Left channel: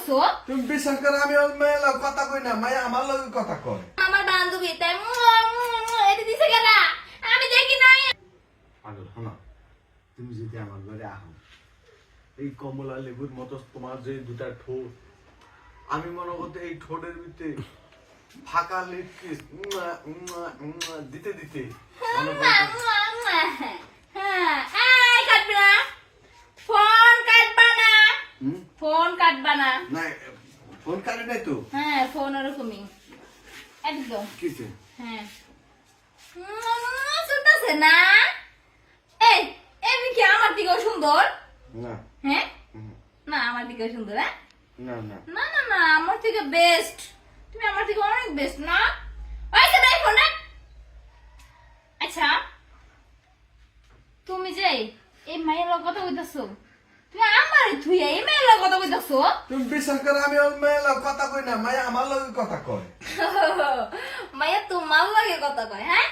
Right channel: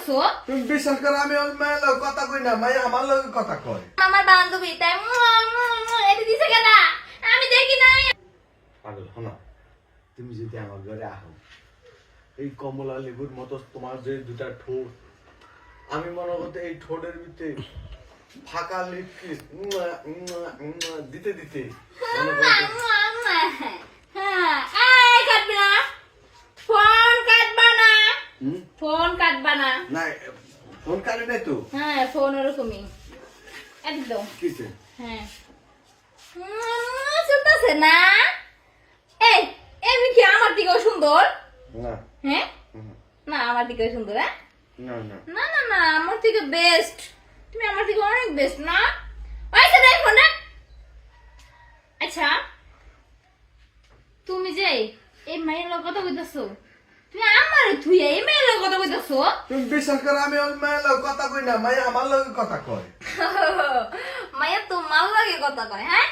কইতাছো? তুমি বিশ্বাস করো আমি ওর মেয়ের লগে কথা কই না, মাই আমার লগে কথা কয়। আমার বান্ধবী তাই এটা দিছে কেডা? আমি দেখি নাই। পাগল শোনো, তুমি যদি আমার ঘরে আহো, এই কমলা লেবুর মতো তোমার যে দুটা ঠোঁট, আমি মনে করতে এই ঠোঁটের ভিতরে ফাঁকা লিপকে দিতে দিতে মনে করতে হ্যাঁ, এই কাটবি না। ফোন কাটবা না। ফোন কাটবা না। না, ফোন কাটে নাই তো। হ্যাঁ, ফোন ওরকমই একদম। কিসে? হ্যাঁ শুনতেছে না? এই এমনি কি আমার দিকেও সুন্দর? না হ্যাঁ না, আমার দিকেও সুন্দর। হ্যাঁ না না না না না, আমার থেকে বেস্ট। তুমি আমার থেকে অনেক বেস্ট না? ওইটা দেখো না। আচ্ছা, তুমি যে এই মায়ের লগে কথা কইতাছো, তুমি আমার থুইয়া এই মায়ের লগে কথা কইতাছো? তুমি বিশ্বাস করো আমি ওর মেয়ের লগে কথা কই না, মাই আমার লগে কথা কয়। মায়া তোমার লগে কথা কয়? হ্যাঁ,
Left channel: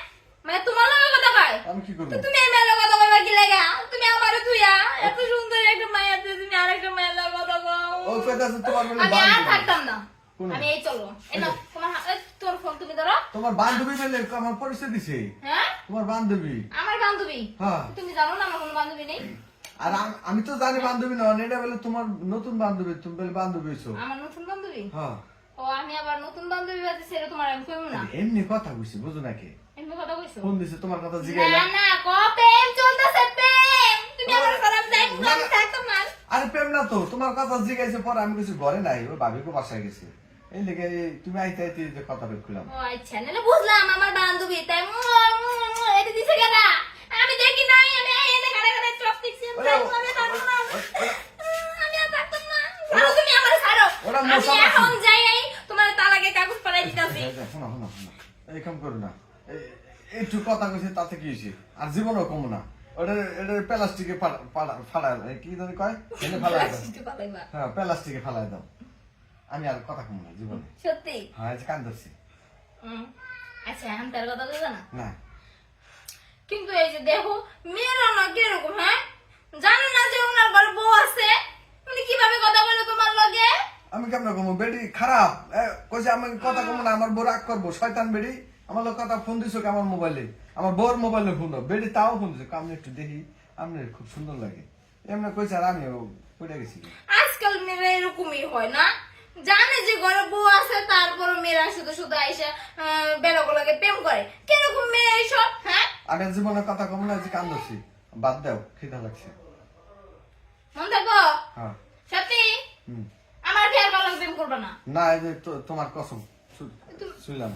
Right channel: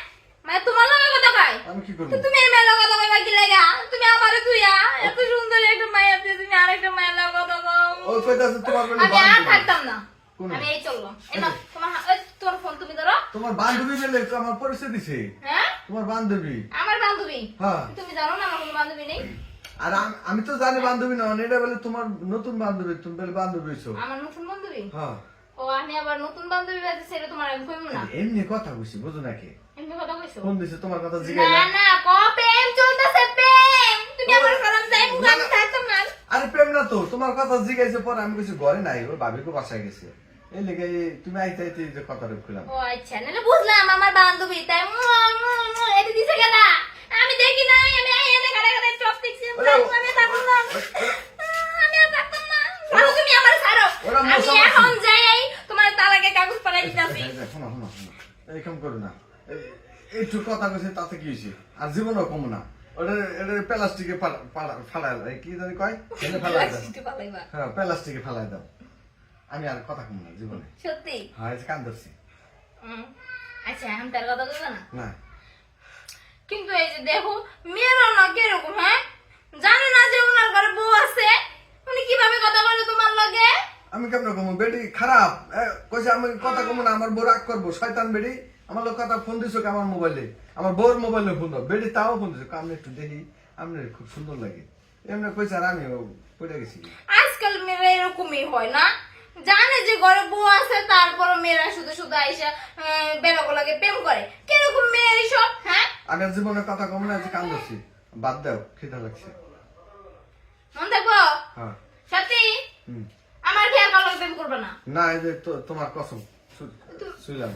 মায়া তোমার লগে কথা কয়? আমি কি করব? তো তুমি এই মায়ের লগে কথা কইবা কি লাগা? তুমি আমারে থুইয়া এত সুন্দর একটা মায়া আছে, তুমি আরেকটা মায়ের লগে কথা কও। ও কইতাছে তোমার বলে আমি আর বান্ধবী। থাকতাম না। কোন? আমি এই চললাম। এই নাও, তোমার এই তোর ফোন তুমি ধরো। তোমার বান্ধবী বলে আমার পরিচয় দিছে। হ্যাঁ, তোমার বান্ধবী। আমার বান্ধবী। হ্যাঁ। তুমি জানো না আমার কোনো বান্ধবী নেই? আর আমি তো জানি বান্ধবী না, এটা বলে তোমার নতুন বান্ধবী, তুমি বলে বান্ধবী হইছো। আমার নতুন বান্ধবী? হ্যাঁ। ও, আমি আবার নতুন বান্ধবী আছে সেটা তোমার আমি কইবো না। এমনি কথা কইছি, বুঝো নাকি? এমনি কথা কইছো? ফোন দিছে তোমার কথা না জিগাইলাম। না, প্রেম চলতেছে, প্রেম। তুমি আমার সালাম যাই মুখে আমি থাকতাম না। আরে প্রেম না তো, তোমার কথা জিগাইছে পরে আমি কিছু ঘরে নাই, ওর ভাবিকে বাসায় গেছে। এই লেগে তুমি আইতে আইতে যে কথা রইলাম। ও আচ্ছা, নাহলে বুঝলাম আমার বান্ধবী তাই এটা দিছে কেডা? আমি দেখি নাই, আমি আইয়া দেখা দেখা চপ দেখছি। আমি থাকতাম না। আমি আর থাকতাম না। ছাড়ো, তুমি আমার ছাড়ো। ওরা আমি মশা এখন মাছি। যাই তোমার তালাকে কাগজ পাঠাই দিতেছি। শোনো শোনো শোনো, এই কাম করো না। একটু কথা কইছে তাতে কি হয়েছে? আর জীবনও কম না। ওটা প্লাস্টিকে ফাড়ায়, কি জানি কয়? ফালাই দাও। হ্যাঁ, প্লাস্টিকে ফালাই দাও। আমি আর কথা কম না জীবনে। সত্যি? হ্যাঁ, এই যে কান ধরছি। আচ্ছা, আমি তার কথা বলবো না। না, কিন্তু এই যে দেখো, মেয়েরা না কিরকম, হ্যাঁ, জানে না যে ওনার ঘরে বউ আছে, উনি কিভাবে কথা বলে তোমার লগে? আমি কেমন কমো? বেডি খারাপ কইছে, আমি কথা কমো না, আমার বউ রাগ করবো। শয়তান বেডি আমার লোক কথা ফোন দিছো আমার মোবাইলে, আমার বউর মোবাইলে ফোন দাও। বেডি তাও ফোন দিছো, আমি একটু দেখি, আপনার খুব সুন্দর লাগে এমনি কইছে। আর আমি পড়ে গেছি। আজকাল মেয়েরা এরকমই হয় না? জানে যে ঘরে বউ আছে, তারপর মেয়েরা শুধু শুধু আইসা বেড়াবো লাগে প্রেম করে। কিরকম মেয়ে এইসব? হ্যাঁ, আমি আর জীবনে কথা কম না, যে কান ধরছি। বাদ দাও, খিদা লাগছে। মন থাকবো? হ্যাঁ। সত্যি? হুম। আমার খেয়াল করা প্রেম করবে না? না, এই যে তোমার কসম শুইলাম।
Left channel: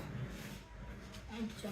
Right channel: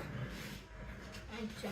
আচ্ছা।